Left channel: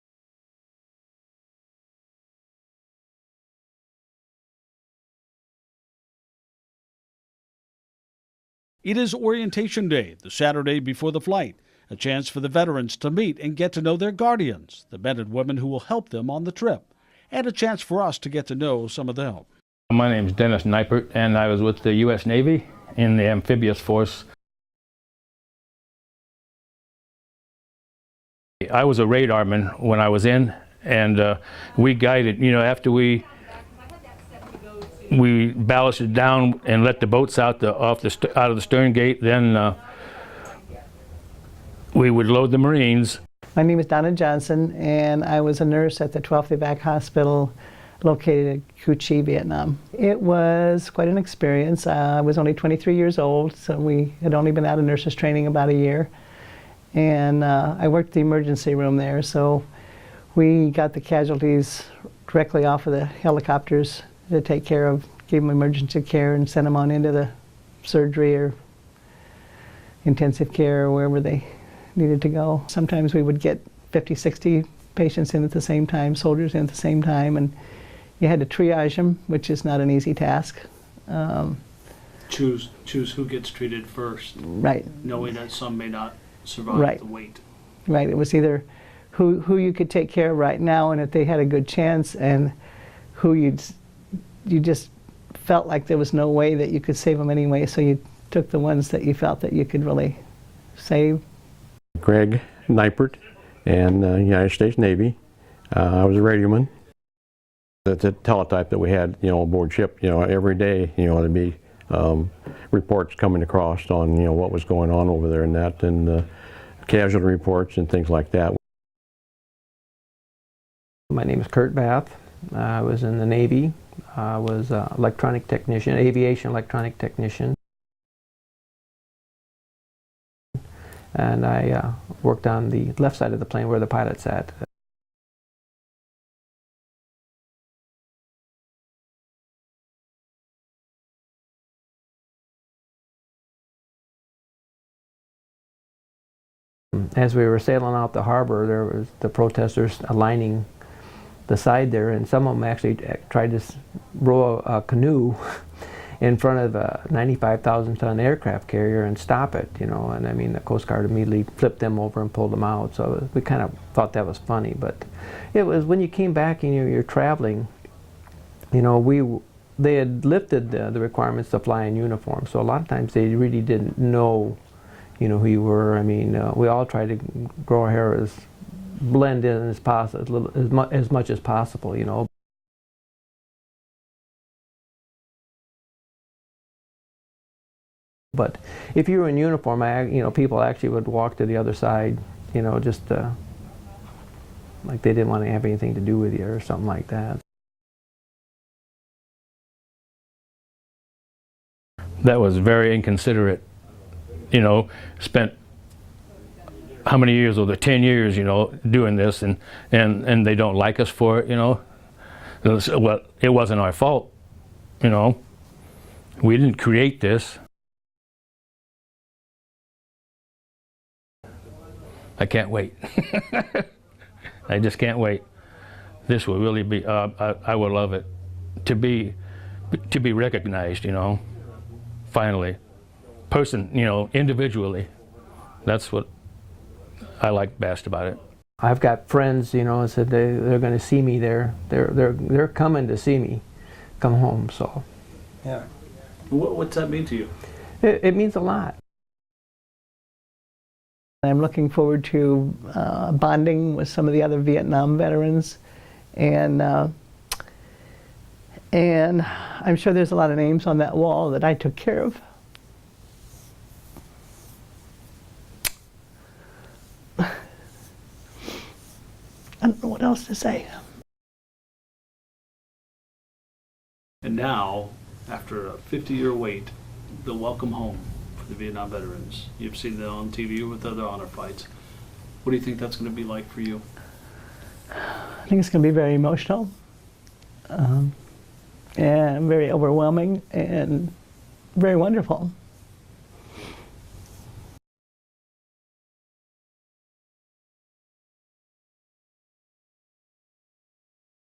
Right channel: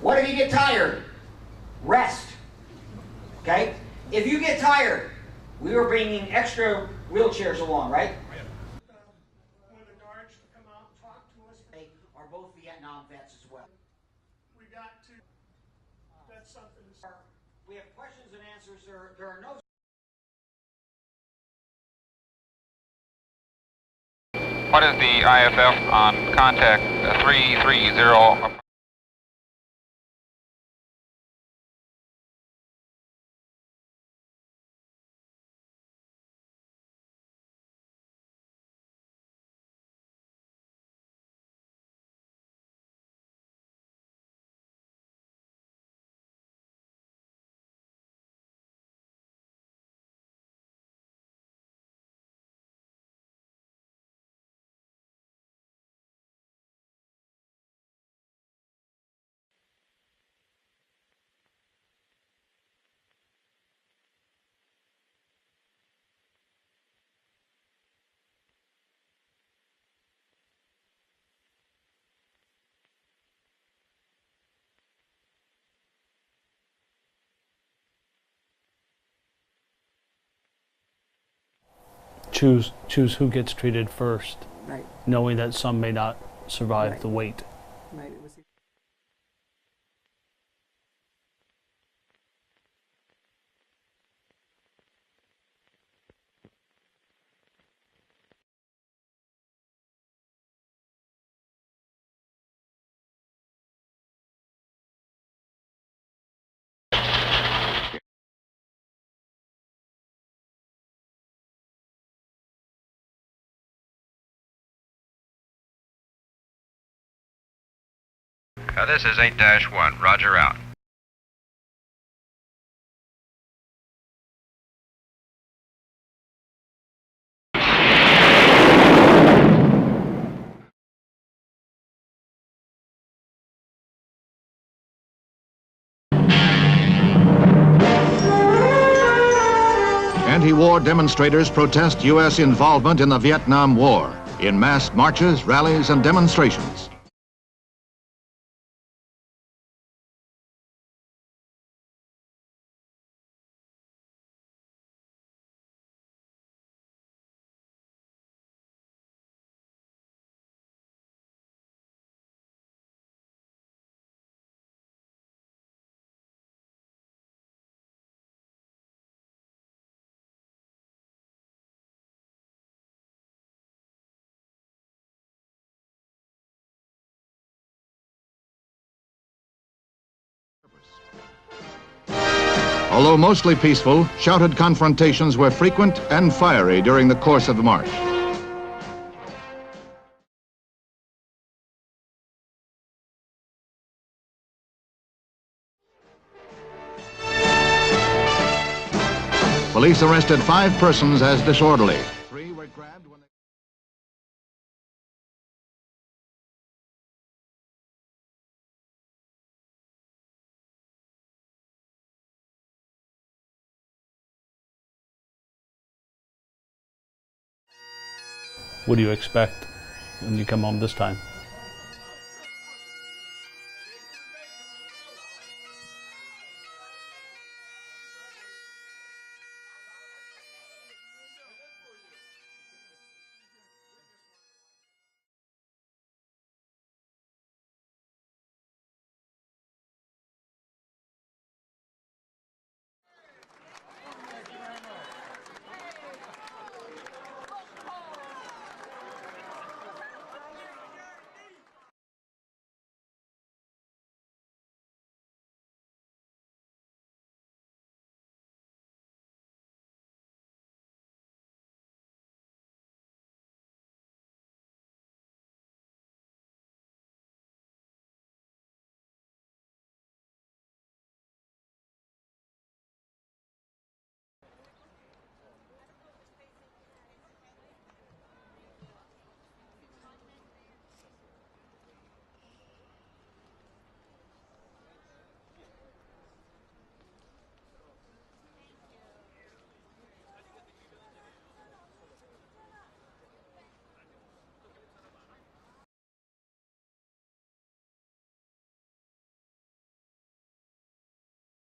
What if you get tired? Rest. Okay? If you get tired, we were bringing extra wheelchairs along, right? It is orientation day, the Saturday before the flight, a chance for the veterans to meet and get to know their guardians, the men and women who will help them on the trip, and a chance for us to get to know some of them. My name is Dennis Neipert, and I was with the U.S. Navy in the amphibious force. What is the IFF on contact 330? I was a radarman when I was in, and we guided, after we ballasted down and let the boats out of the stern gate, then we would load the Marines. My name is Donna Johnson, and I was a nurse at the 12th Evac Hospital located at Cu Chi, Vietnam. It was quite an experience. I was only 23 years old, so we had only been out of nurses training about a year. And I worked the emergency room there, so we got the casualties directly off of the helicopters to take care of, gave them emergency care and sent them on into the surgery or intensive care or wherever they needed to go. Sometimes we would get 50, 60 patients in at the same time, soldiers in at the same time, and you had to triage them, which is not an easy task. Choose who gets treated first, Right. knowing that some may not survive the wait. Right, it was either who you could take care of right now and if they had a good chance, and who you just felt like there was no way that you could save them anyway, so you took the ones that you felt that you could really save. Greg Neipert, and United States Navy. I was a radioman. The teletype that we had, aboard ship, every day, there'd be reports coming across on, what was going on over there and that, and casualty reports and things like that. This is 8-1, roger out. My name is Kurt Bath. I was in the Navy. I was an electronic technician, aviation electronic technician. And I worked on the left side of the plane where the pilot sat. Anti-war demonstrators protest U.S. involvement in the Vietnam War in mass marches, rallies, and demonstrations. As we were sailing out the harbor, there was the protesters lining the side there, and some of them actually tried to row a canoe in front of a 95,000-ton aircraft carrier and stop it, and I mean the Coast Guard immediately flipped them over and pulled them out, so we kind of thought that was funny. But it was when you came back and you're traveling, they had lifted the requirements to fly in uniform, so a lot of times they really didn't know, who you were. I mean, we all tried to grow our hair as blend in as much as possible, Although mostly peaceful, shouted confrontations were frequent and fiery during the course of the march. But if you were in uniform, people actually would walk to the other side, just like they didn't want to have anything to do with you or something like that. Police arrested 5 persons as disorderly. That was very inconsiderate. Spent how many years, over 10 years, doing this, and they don't like us for it, Well, it wasn't our fault, We didn't create this. What do you expect when you come home this time? I can't wait. I just can't wait. This will really be, I would love it. To be recognized, finally. Individually. That's what I like best about it. I've got friends, said they're going to see me there. They're coming to see me come home, so. Yeah. What's that mean to you? It means a lot. I'm looking forward to bonding with some of the other Vietnam veterans, and I'm sure there's a lot of names on that wall that I took care of. I don't know what else to say. And now, after a 50-year wait, the welcome home for the Vietnam veterans. You've seen that on TV with other honor flights. What do you think that's going to be like for you? I think it's going to be very emotional, and very overwhelming, and very wonderful.